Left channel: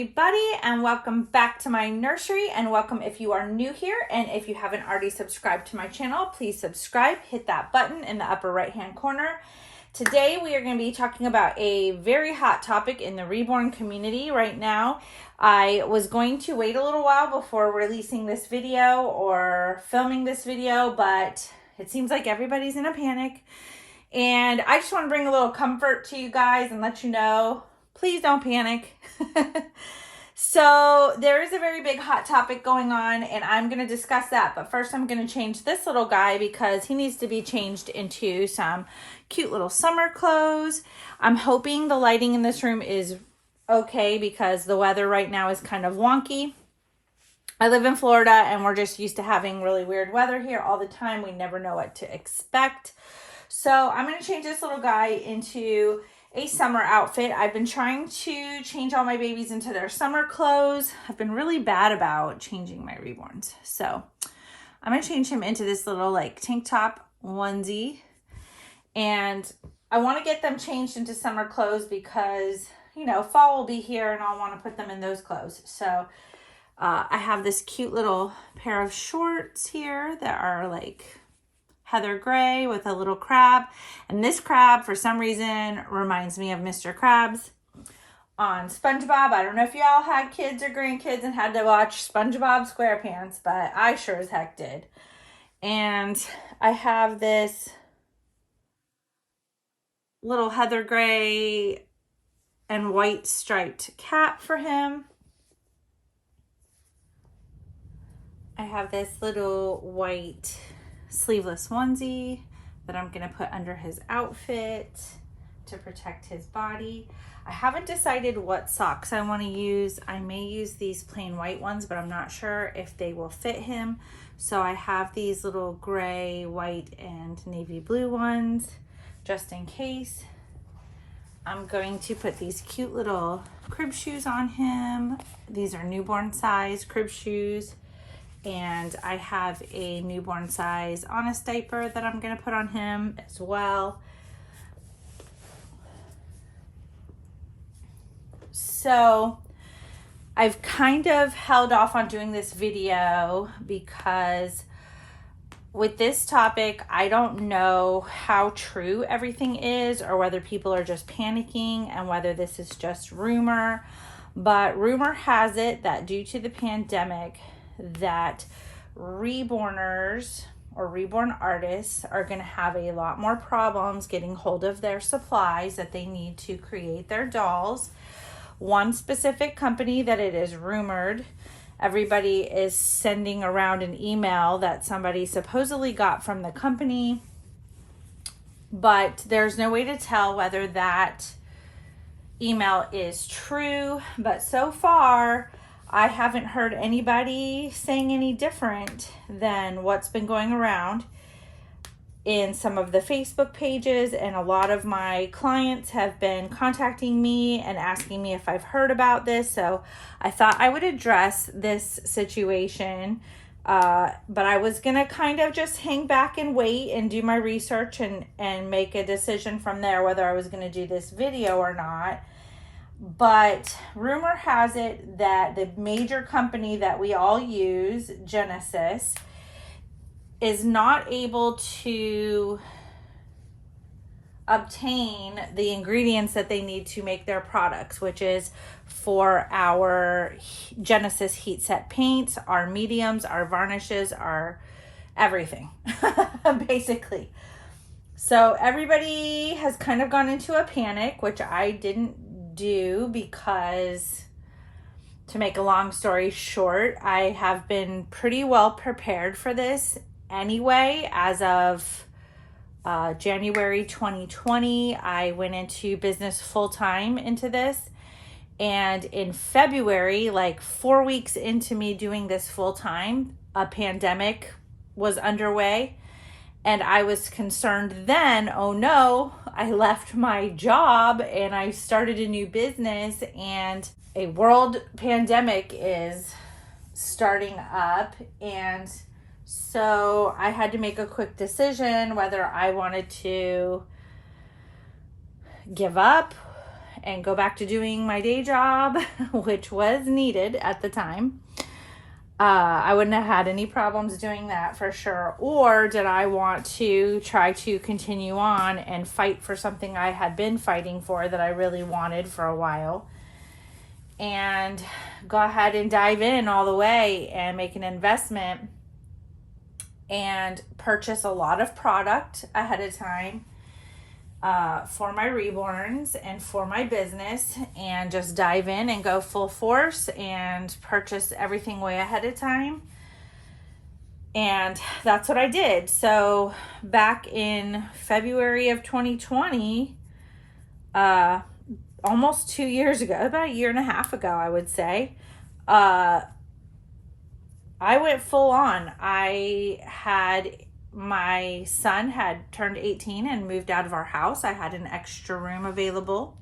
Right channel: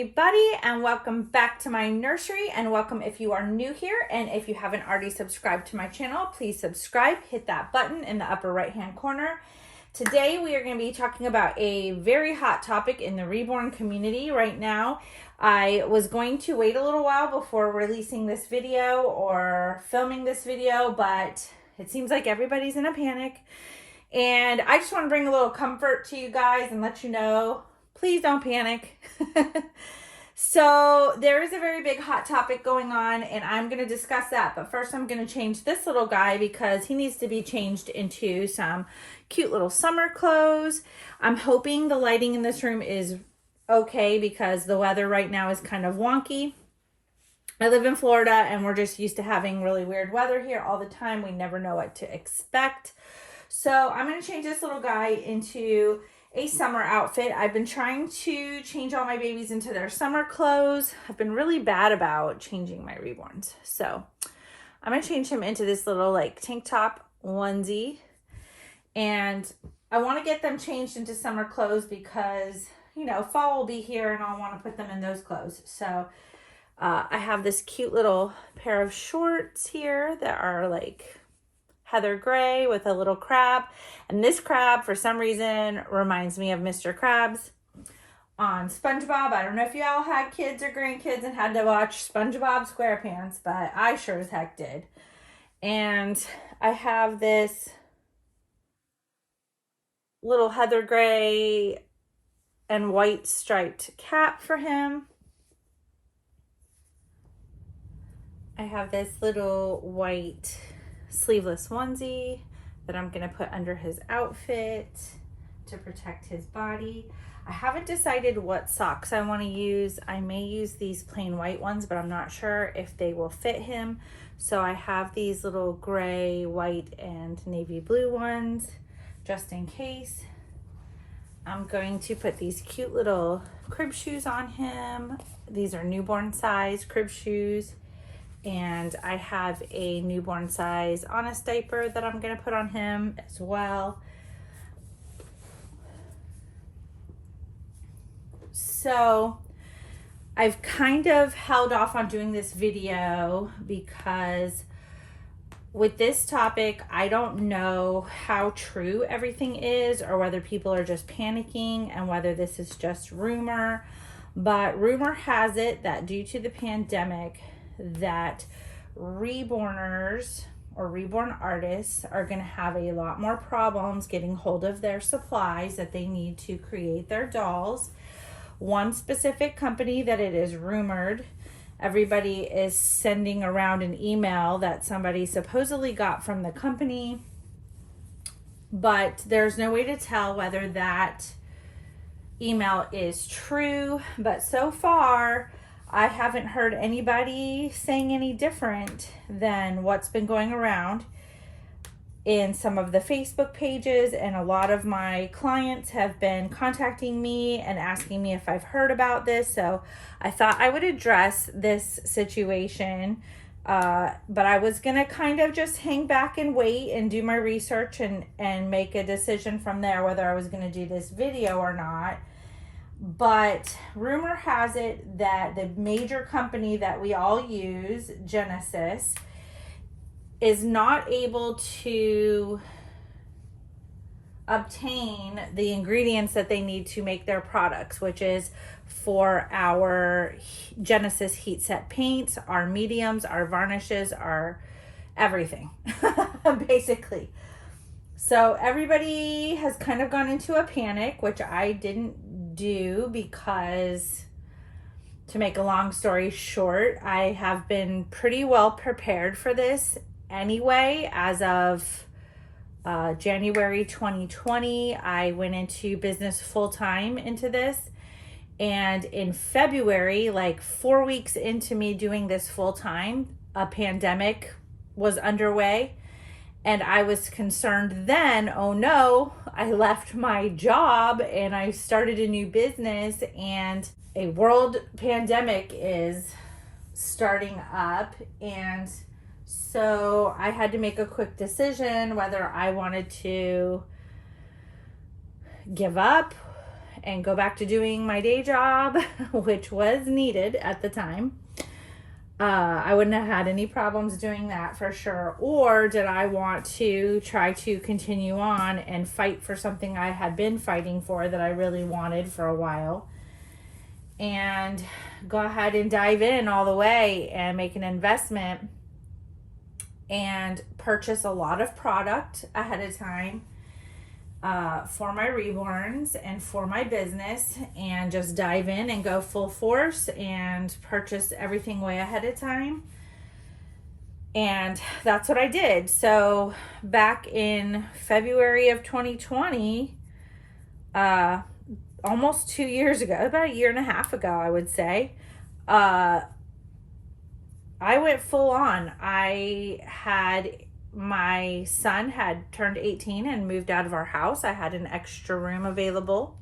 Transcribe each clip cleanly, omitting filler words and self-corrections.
everybody, and welcome back to my nursery, and welcome if you are new here. And if you haven't already subscribed to my channel, please subscribe, hit that button in the upper right hand corner. Today we are going to be talking about a very hot topic in the Reborn community right now. I was going to wait a little while before releasing this video or filming this video, but it seems like everybody's in a panic, and I just want to bring a little comfort to you guys and let you know, please don't panic. So there is a very big hot topic going on, and I'm going to discuss that. But first I'm going to change this little guy because he needs to be changed into some cute little summer clothes. I'm hoping the lighting in this room is okay because the weather right now is kind of wonky. I live in Florida and we're just used to having really weird weather here all the time. We never know what to expect. So I'm going to change this little guy into a summer outfit. I've been trying to change all my babies into their summer clothes. I've been really bad about changing my Reborns. So I'm going to change him into this little like tank top onesie. And I want to get them changed into summer clothes because, you know, fall will be here and I'll want to put them in those clothes. So I have this cute little pair of shorts here that are like heather gray with a little crab, and this crab for some reason reminds me of Mr. Krabs on SpongeBob. I don't know if y'all had kids or grandkids and had to watch SpongeBob SquarePants, but I sure as heck did. And I have this little heather gray and white striped cap for him. I have this little white sleeveless onesie that I'm going to put under his outfit to protect his body. I haven't decided what socks I want to use. I may use these plain white ones, but I'm not sure if they will fit him. So I have these little gray, white, and navy blue ones just in case. I'm going to put these cute little crib shoes on him. These are newborn size crib shoes. And I have a newborn size Honest diaper that I'm going to put on him as well. So I've kind of held off on doing this video because with this topic, I don't know how true everything is or whether people are just panicking and whether this is just rumor. But rumor has it that due to the pandemic, that reborners or reborn artists are going to have a lot more problems getting hold of their supplies that they need to create their dolls. One specific company that it is rumored, everybody is sending around an email that somebody supposedly got from the company, but there's no way to tell whether that email is true. But so far, I haven't heard anybody saying any different than what's been going around in some of the Facebook pages, and a lot of my clients have been contacting me and asking me if I've heard about this. So I thought I would address this situation, but I was gonna kind of just hang back and wait and do my research and make a decision from there whether I was gonna do this video or not. But rumor has it that the major company that we all use, Genesis, is not able to obtain the ingredients that they need to make their products, which is for our Genesis heat set paints, our mediums, our varnishes, our everything, basically. So everybody has kind of gone into a panic, which I didn't do because, to make a long story short, I have been pretty well prepared for this anyway. As of January 2020, I went into business full-time into this, and in February, like 4 weeks into me doing this full-time, a pandemic was underway. And I was concerned then, oh no, I left my job and I started a new business and a world pandemic is starting up. And so I had to make a quick decision whether I wanted to give up and go back to doing my day job, which was needed at the time, I wouldn't have had any problems doing that for sure. Or did I want to try to continue on and fight for something I had been fighting for that I really wanted for a while, and go ahead and dive in all the way and make an investment and purchase a lot of product ahead of time for my Reborns and for my business, and just dive in and go full force and purchase everything way ahead of time. And that's what I did. So back in February of 2020, almost 2 years ago, about a year and a half ago, I would say, I went full on. My son had turned 18 and moved out of our house. I had an extra room available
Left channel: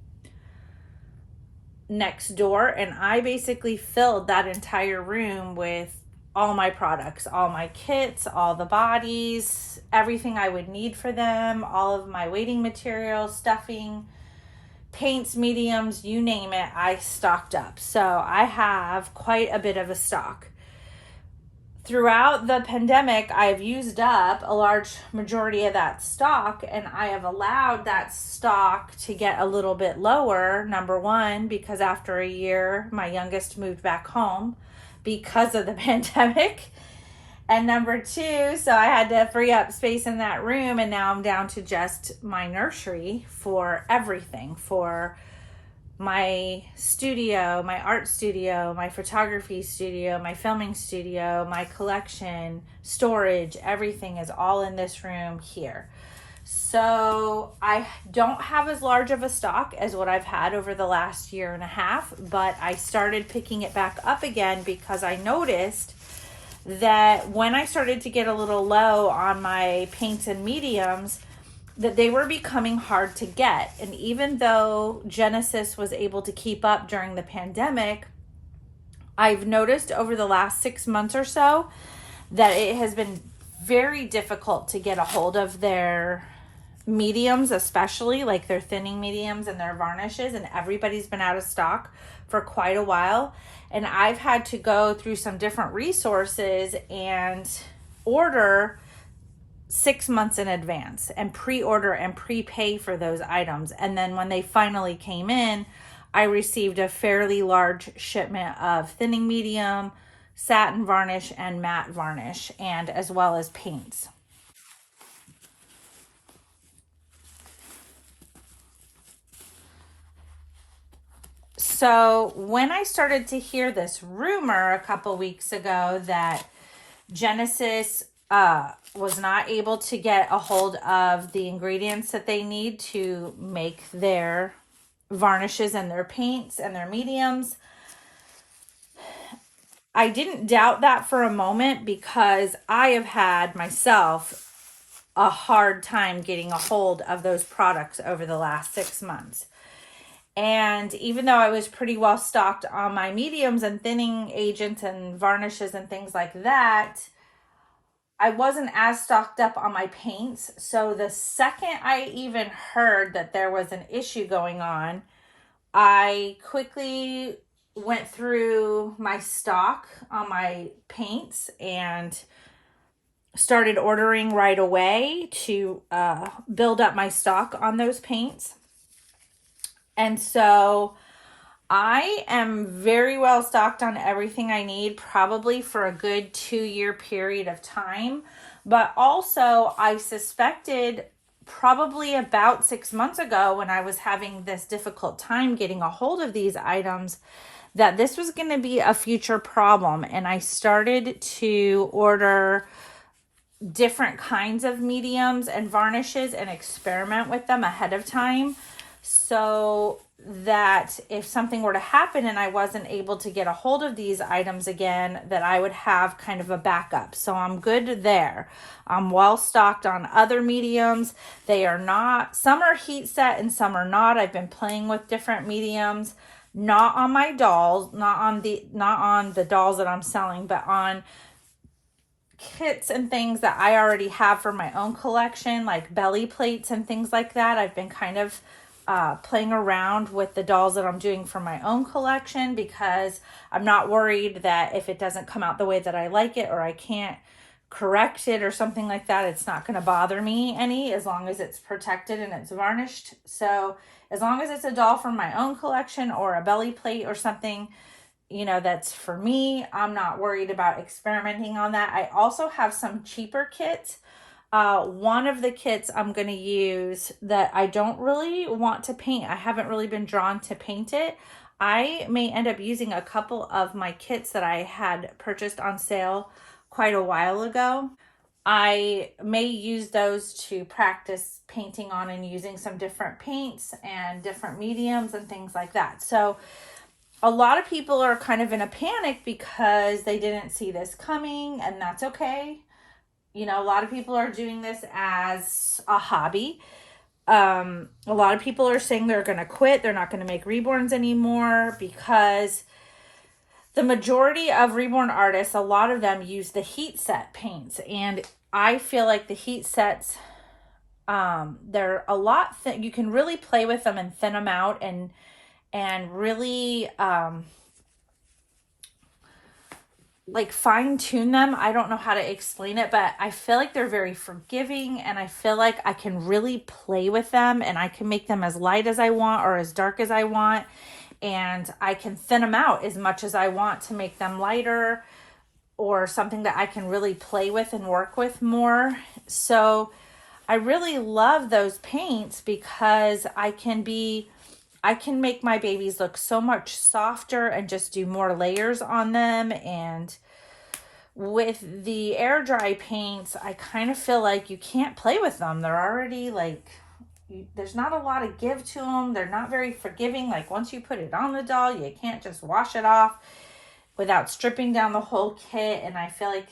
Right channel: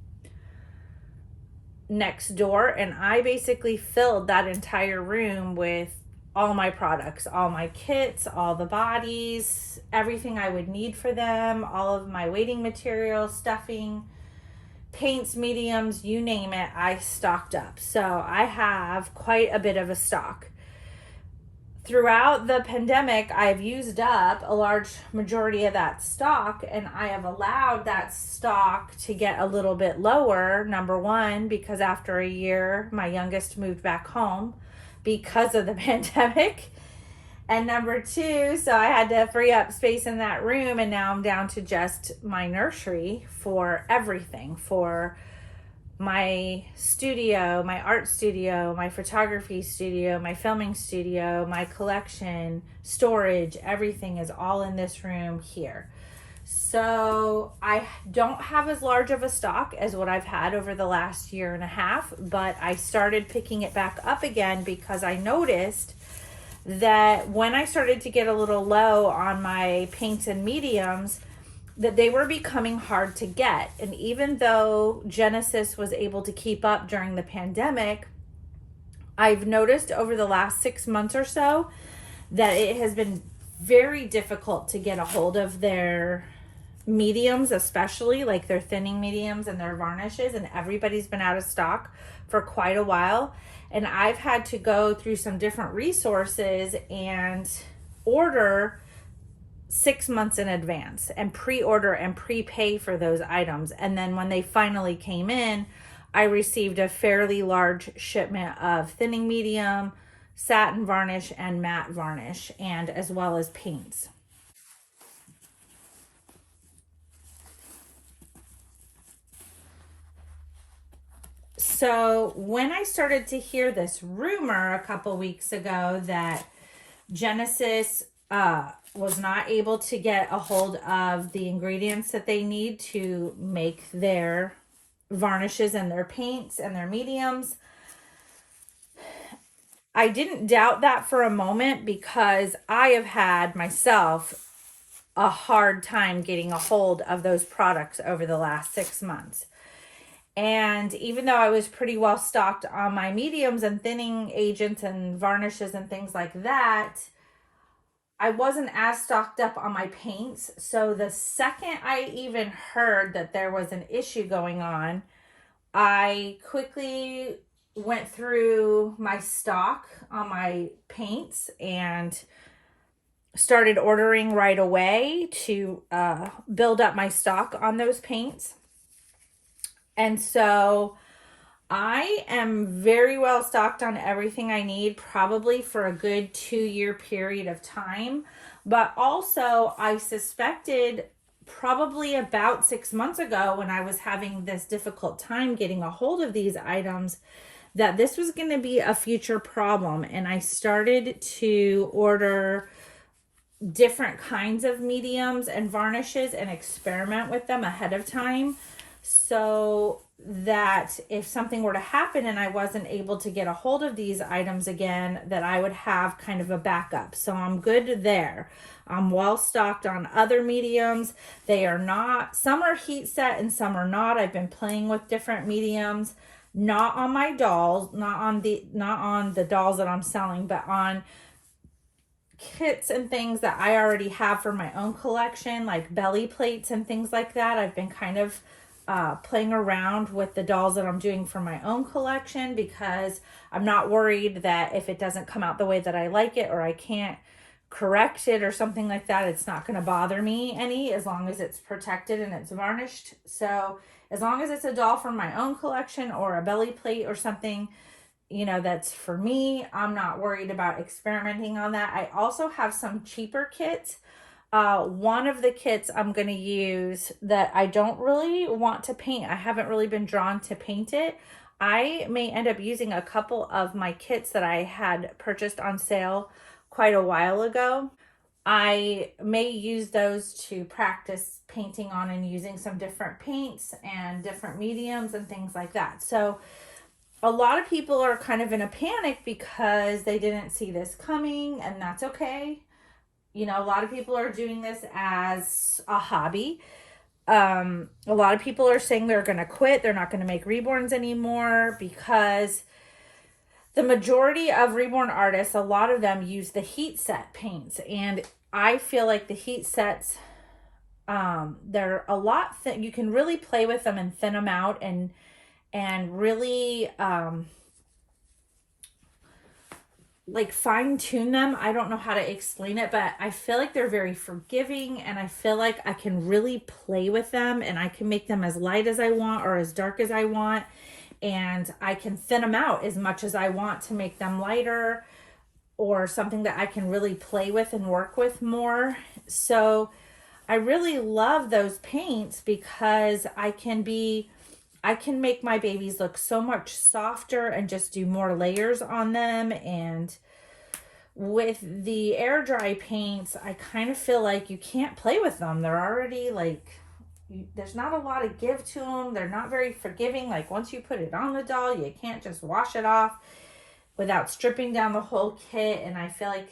next door, and I basically filled that entire room with all my products, all my kits, all the bodies, everything I would need for them, all of my waiting materials, stuffing, paints, mediums, you name it, I stocked up. So I have quite a bit of a stock. Throughout the pandemic, I've used up a large majority of that stock, and I have allowed that stock to get a little bit lower. Number one, because after a year, my youngest moved back home because of the pandemic. And number two, so I had to free up space in that room, and now I'm down to just my nursery for everything, for my studio, my art studio, my photography studio, my filming studio, my collection, storage, everything is all in this room here. So I don't have as large of a stock as what I've had over the last year and a half, but I started picking it back up again because I noticed that when I started to get a little low on my paints and mediums, that they were becoming hard to get. And even though Genesis was able to keep up during the pandemic, I've noticed over the last 6 months or so that it has been very difficult to get a hold of their mediums, especially like their thinning mediums and their varnishes, and everybody's been out of stock for quite a while. And I've had to go through some different resources and order 6 months in advance and pre-order and prepay for those items. And then when they finally came in, I received a fairly large shipment of thinning medium, satin varnish, and matte varnish, and as well as paints. So when I started to hear this rumor a couple weeks ago that Genesis was not able to get a hold of the ingredients that they need to make their varnishes and their paints and their mediums, I didn't doubt that for a moment, because I have had myself a hard time getting a hold of those products over the last 6 months. And even though I was pretty well stocked on my mediums and thinning agents and varnishes and things like that, I wasn't as stocked up on my paints. So the second I even heard that there was an issue going on, I quickly went through my stock on my paints and started ordering right away to build up my stock on those paints. And so I am very well stocked on everything I need, probably for a good 2-year period of time. But also, I suspected probably about 6 months ago, when I was having this difficult time getting a hold of these items, that this was going to be a future problem. And I started to order different kinds of mediums and varnishes and experiment with them ahead of time, so that if something were to happen and I wasn't able to get a hold of these items again, that I would have kind of a backup. So I'm good there. I'm well stocked on other mediums. They are not, some are heat set and some are not. I've been playing with different mediums, not on my dolls, not on the dolls that I'm selling, but on kits and things that I already have for my own collection, like belly plates and things like that. I've been kind of playing around with the dolls that I'm doing for my own collection, because I'm not worried that if it doesn't come out the way that I like it, or I can't correct it or something like that, it's not going to bother me any, as long as it's protected and it's varnished. So as long as it's a doll from my own collection or a belly plate or something, you know, that's for me, I'm not worried about experimenting on that. I also have some cheaper kits. One of the kits I'm going to use that I don't really want to paint, I haven't really been drawn to paint it. I may end up using a couple of my kits that I had purchased on sale quite a while ago. I may use those to practice painting on and using some different paints and different mediums and things like that. So a lot of people are kind of in a panic because they didn't see this coming, and that's okay. You know, a lot of people are doing this as a hobby. A lot of people are saying they're going to quit. They're not going to make Reborns anymore because the majority of Reborn artists, a lot of them use the heat set paints. And I feel like the heat sets, they're a lot thin. You can really play with them and thin them out and really like fine tune them. I don't know how to explain it, but I feel like they're very forgiving, and I feel like I can really play with them, and I can make them as light as I want or as dark as I want, and I can thin them out as much as I want to make them lighter or something that I can really play with and work with more. So I really love those paints because I can make my babies look so much softer and just do more layers on them. And with the air dry paints, I kind of feel like you can't play with them. They're already like, there's not a lot of give to them. They're not very forgiving. Like once you put it on the doll, you can't just wash it off without stripping down the whole kit. And I feel like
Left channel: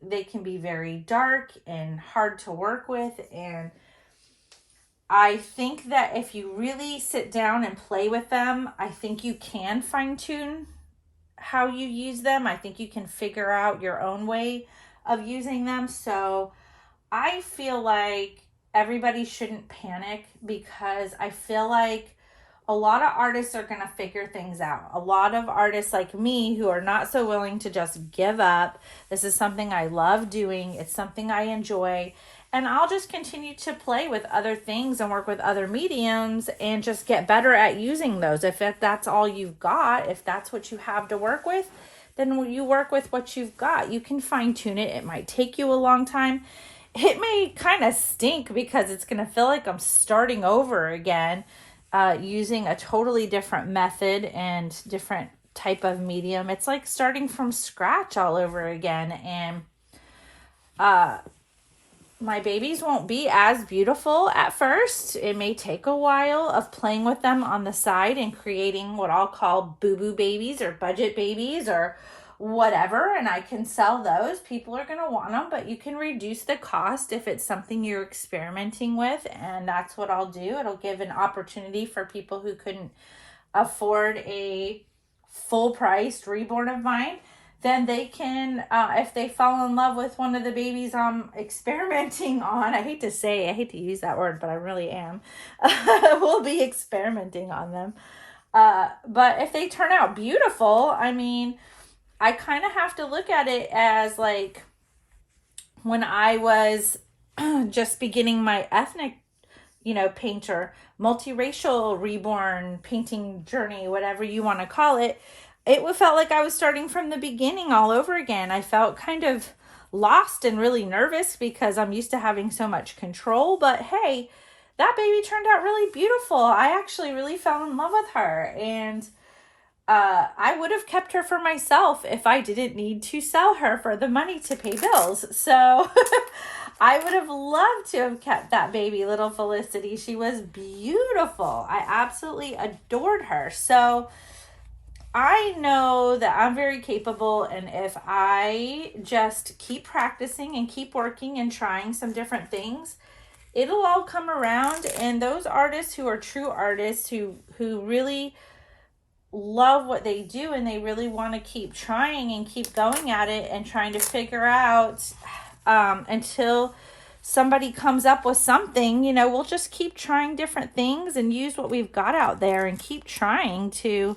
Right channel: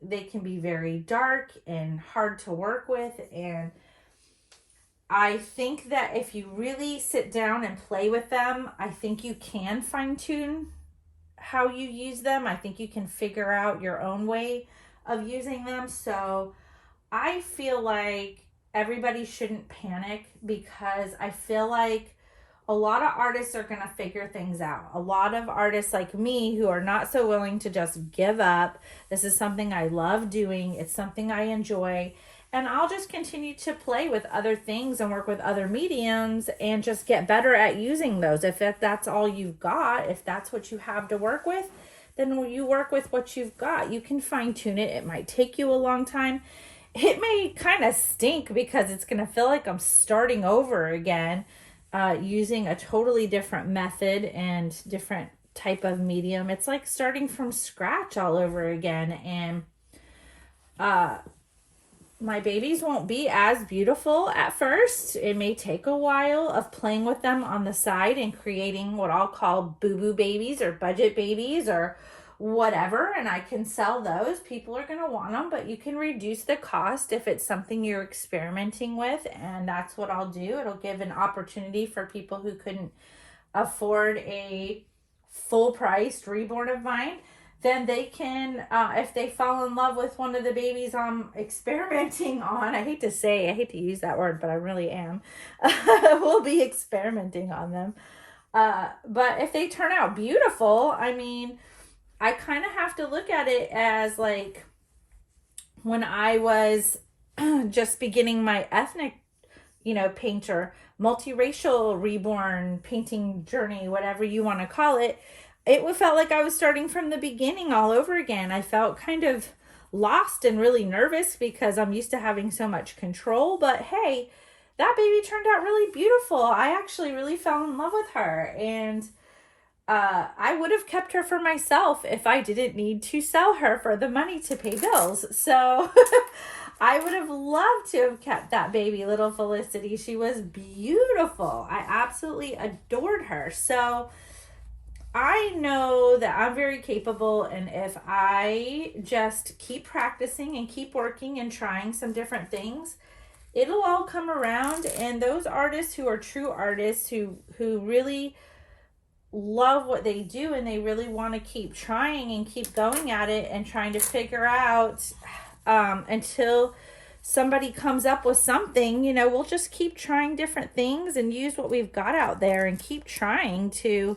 they can be very dark and hard to work with. And I think that if you really sit down and play with them, I think you can fine tune how you use them. I think you can figure out your own way of using them. So I feel like everybody shouldn't panic, because I feel like a lot of artists are going to figure things out. A lot of artists like me who are not so willing to just give up. This is something I love doing. It's something I enjoy. And I'll just continue to play with other things and work with other mediums and just get better at using those. If that's all you've got, if that's what you have to work with, then you work with what you've got. You can fine tune it. It might take you a long time. It may kind of stink because it's going to feel like I'm starting over again, using a totally different method and different type of medium. It's like starting from scratch all over again. And my babies won't be as beautiful at first. It may take a while of playing with them on the side and creating what I'll call boo-boo babies or budget babies or whatever, and I can sell those. People are going to want them, but you can reduce the cost if it's something you're experimenting with, and that's what I'll do. It'll give an opportunity for people who couldn't afford a full-priced Reborn of mine. Then they can, if they fall in love with one of the babies I'm experimenting on, I hate to use that word, but I really am, we'll be experimenting on them. But if they turn out beautiful, I mean, I kind of have to look at it as like when I was just beginning my ethnic, painter, multiracial Reborn painting journey, whatever you want to call it. It felt like I was starting from the beginning all over again. I felt kind of lost and really nervous because I'm used to having so much control. But hey, that baby turned out really beautiful. I actually really fell in love with her. And I would have kept her for myself if I didn't need to sell her for the money to pay bills. So I would have loved to have kept that baby, little Felicity. She was beautiful. I absolutely adored her. So I know that I'm very capable, and if I just keep practicing and keep working and trying some different things, it'll all come around. And those artists who are true artists, who really love what they do and they really want to keep trying and keep going at it and trying to figure out until somebody comes up with something, you know, we'll just keep trying different things and use what we've got out there and keep trying to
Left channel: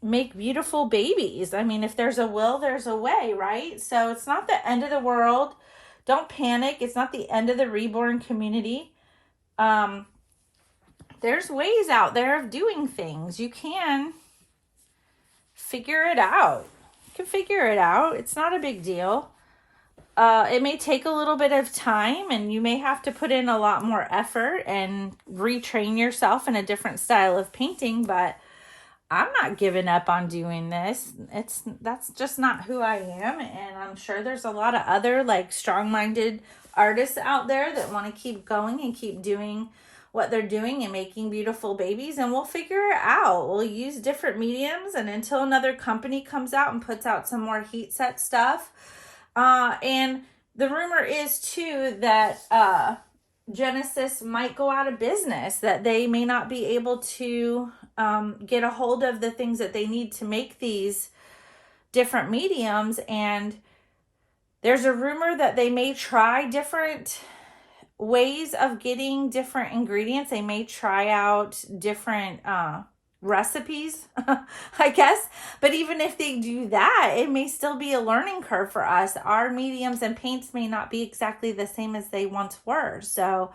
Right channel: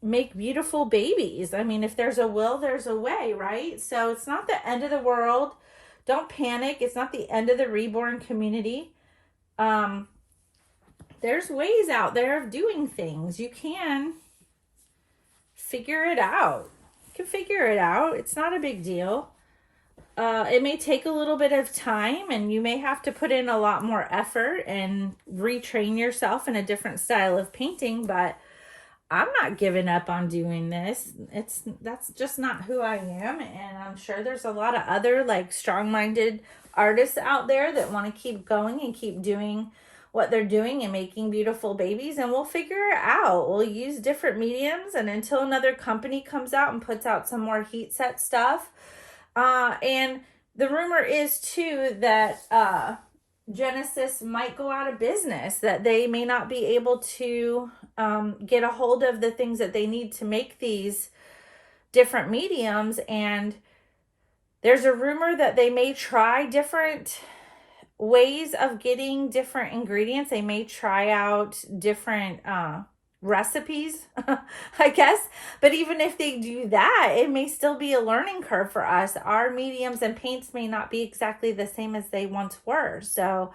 make beautiful babies. I mean, if there's a will, there's a way, right? So it's not the end of the world. Don't panic. It's not the end of the reborn community. There's ways out there of doing things. You can figure it out. You can figure it out. It's not a big deal. It may take a little bit of time, and you may have to put in a lot more effort and retrain yourself in a different style of painting, but I'm not giving up on doing this. That's just not who I am, and I'm sure there's a lot of other like strong-minded artists out there that want to keep going and keep doing what they're doing and making beautiful babies, and we'll figure it out. We'll use different mediums, and until another company comes out and puts out some more heat set stuff. And the rumor is too that Genesis might go out of business, that they may not be able to get a hold of the things that they need to make these different mediums. And there's a rumor that they may try different ways of getting different ingredients. They may try out different recipes, I guess. But even if they do that, it may still be a learning curve for us. Our mediums and paints may not be exactly the same as they once were. So,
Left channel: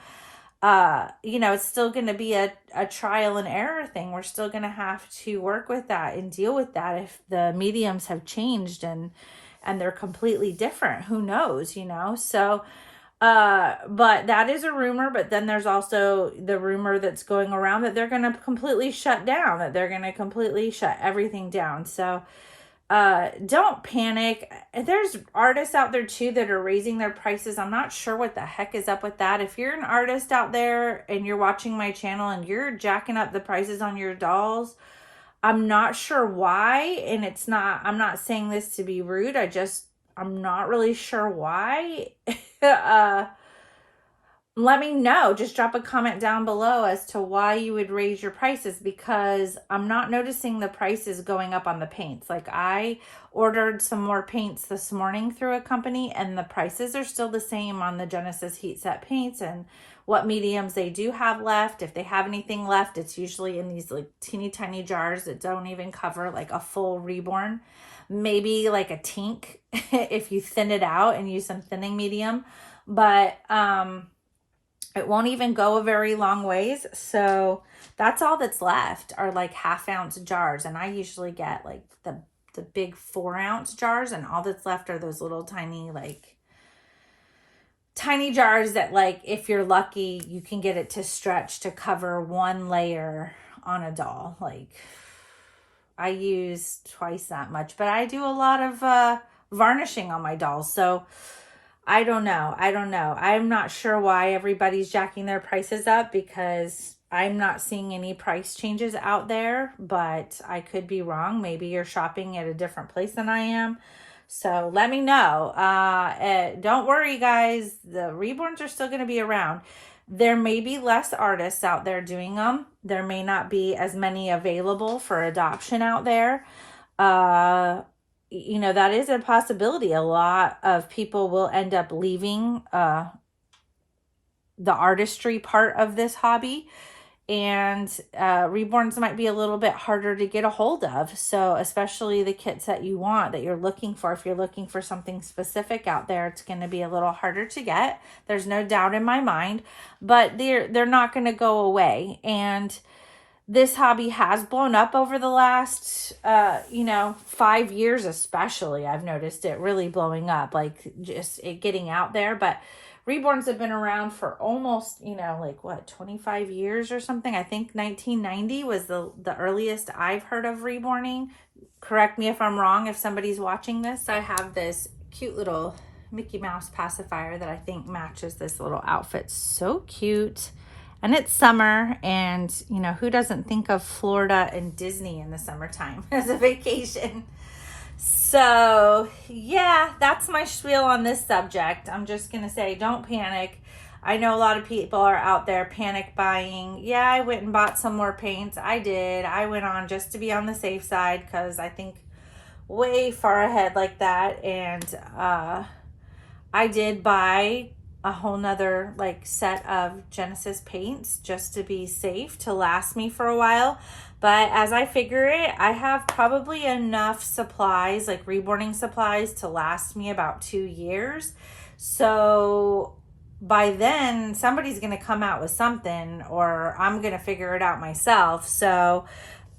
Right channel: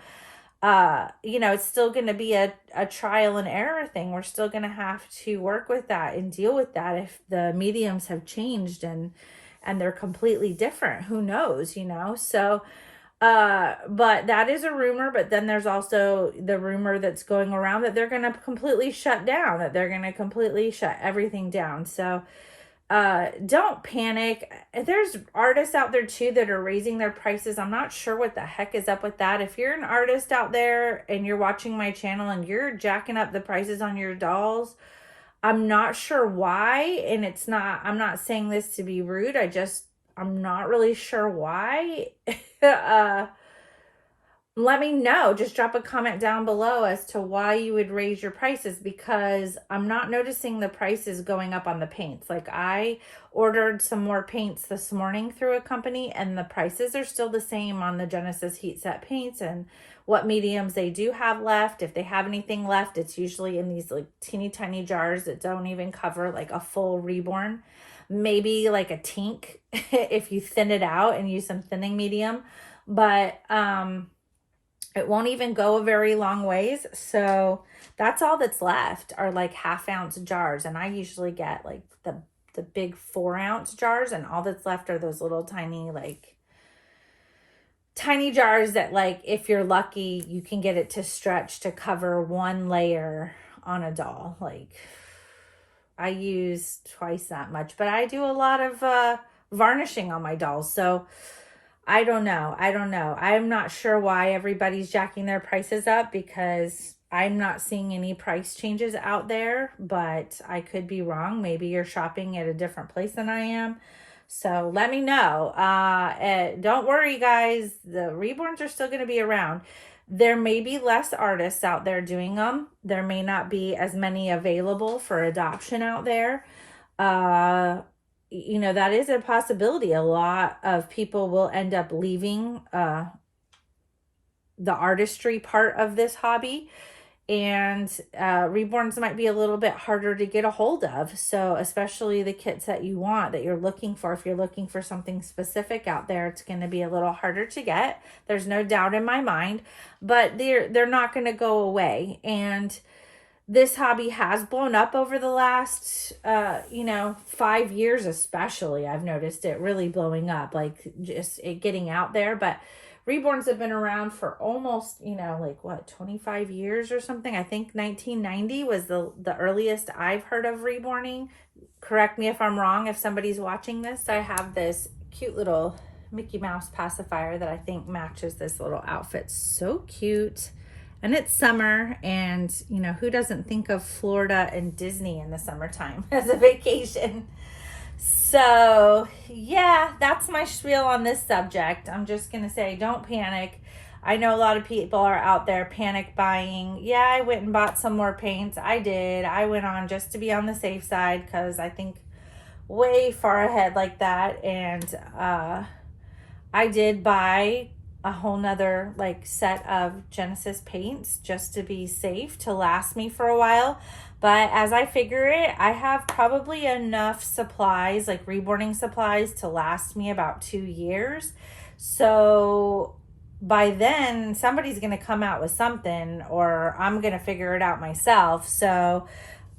you know, it's still going to be a trial and error thing. We're still going to have to work with that and deal with that if the mediums have changed and they're completely different. Who knows, you know? So, but that is a rumor. But then there's also the rumor that's going around that they're going to completely shut down, that they're going to completely shut everything down. So, don't panic. There's artists out there too that are raising their prices. I'm not sure what the heck is up with that. If you're an artist out there and you're watching my channel and you're jacking up the prices on your dolls, I'm not sure why. And I'm not saying this to be rude. I'm not really sure why. Let me know. Just drop a comment down below as to why you would raise your prices, because I'm not noticing the prices going up on the paints. Like, I ordered some more paints this morning through a company, and the prices are still the same on the Genesis heat set paints and what mediums they do have left. If they have anything left, it's usually in these like teeny tiny jars that don't even cover like a full Reborn. Maybe like a tink if you thin it out and use some thinning medium, but it won't even go a very long ways. So that's all that's left are like 1/2 ounce jars, and I usually get like the big 4 ounce jars, and all that's left are those little tiny jars that, like, if you're lucky, you can get it to stretch to cover 1 layer on a doll. Like, I use twice that much, but I do a lot of varnishing on my dolls. So I don't know. I'm not sure why everybody's jacking their prices up, because I'm not seeing any price changes out there, but I could be wrong. Maybe you're shopping at a different place than I am. So let me know. Don't worry, guys. The Reborns are still going to be around. There may be less artists out there doing them. There may not be as many available for adoption out there. You know, that is a possibility. A lot of people will end up leaving the artistry part of this hobby, and Reborns might be a little bit harder to get a hold of. So especially the kits that you want, that you're looking for, if you're looking for something specific out there, it's going to be a little harder to get. There's no doubt in my mind, but they're not going to go away. And this hobby has blown up over the last 5 years, especially. I've noticed it really blowing up, like just it getting out there. But Reborns have been around for almost, 25 years or something. I think 1990 was the earliest I've heard of reborning. Correct me if I'm wrong if somebody's watching this. I have this cute little Mickey Mouse pacifier that I think matches this little outfit. So cute. And it's summer, and, who doesn't think of Florida and Disney in the summertime as a vacation? So, yeah, that's my spiel on this subject. I'm just going to say, don't panic. I know a lot of people are out there panic buying. Yeah, I went and bought some more paints. I did. I went on just to be on the safe side, because I think way far ahead like that. And I did buy a whole nother like set of Genesis paints just to be safe, to last me for a while. But as I figure it, I have probably enough supplies, like reborning supplies, to last me about 2 years. So by then somebody's going to come out with something, or I'm going to figure it out myself. So,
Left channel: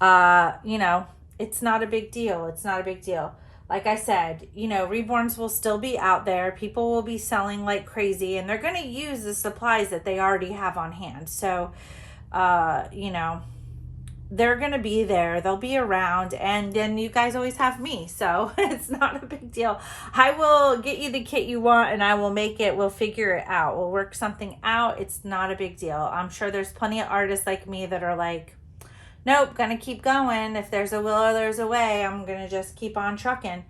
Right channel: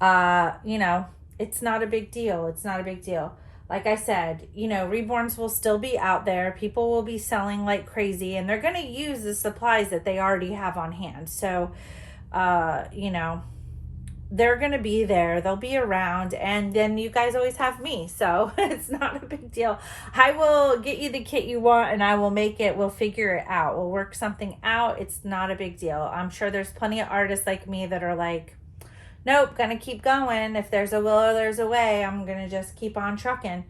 you know, it's not a big deal. It's not a big deal. Like I said, you know, Reborns will still be out there. People will be selling like crazy, and they're going to use the supplies that they already have on hand. So, you know, they're going to be there. They'll be around, and then you guys always have me. So it's not a big deal. I will get you the kit you want, and I will make it. We'll figure it out. We'll work something out. It's not a big deal. I'm sure there's plenty of artists like me that are like, nope, gonna keep going. If there's a will, there's a way. I'm gonna just keep on trucking.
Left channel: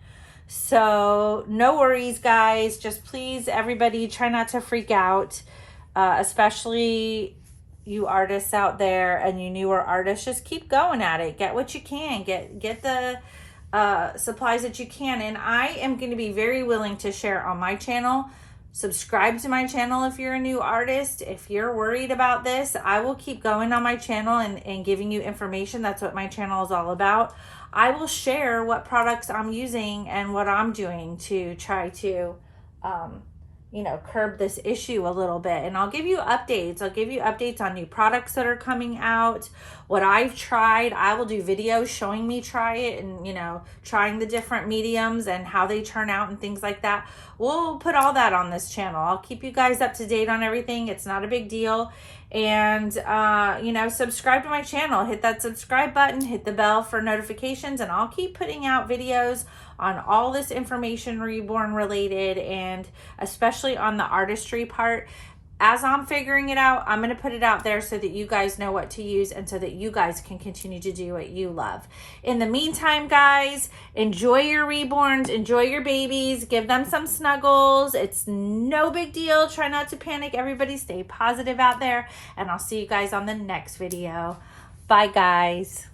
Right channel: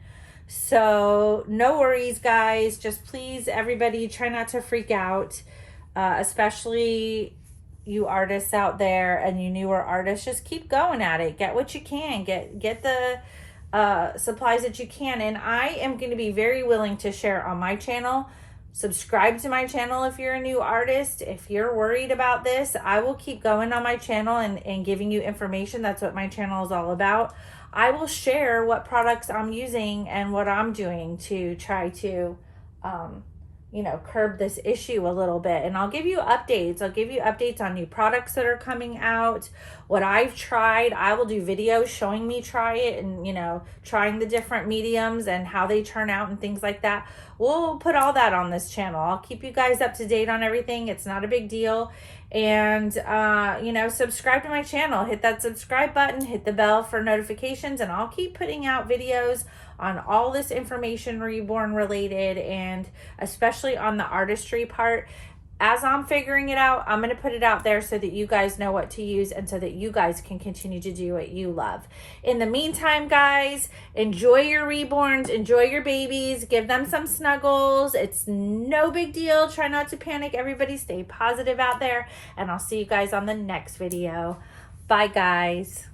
So no worries, guys. Just please, everybody, try not to freak out, especially you artists out there and you newer artists. Just keep going at it. Get what you can. Get the supplies that you can. And I am going to be very willing to share on my channel. Subscribe to my channel if you're a new artist. If you're worried about this, I will keep going on my channel and giving you information. That's what my channel is all about. I will share what products I'm using and what I'm doing to try to, you know, curb this issue a little bit. And I'll give you updates. I'll give you updates on new products that are coming out, what I've tried. I will do videos showing me try it and, you know, trying the different mediums and how they turn out and things like that. We'll put all that on this channel. I'll keep you guys up to date on everything. It's not a big deal. And, you know, subscribe to my channel. Hit that subscribe button, hit the bell for notifications, and I'll keep putting out videos on all this information Reborn related, and especially on the artistry part. As I'm figuring it out, I'm going to put it out there so that you guys know what to use and so that you guys can continue to do what you love. In the meantime, guys, enjoy your Reborns, enjoy your babies, give them some snuggles. It's no big deal. Try not to panic. Everybody stay positive out there, and I'll see you guys on the next video. Bye, guys.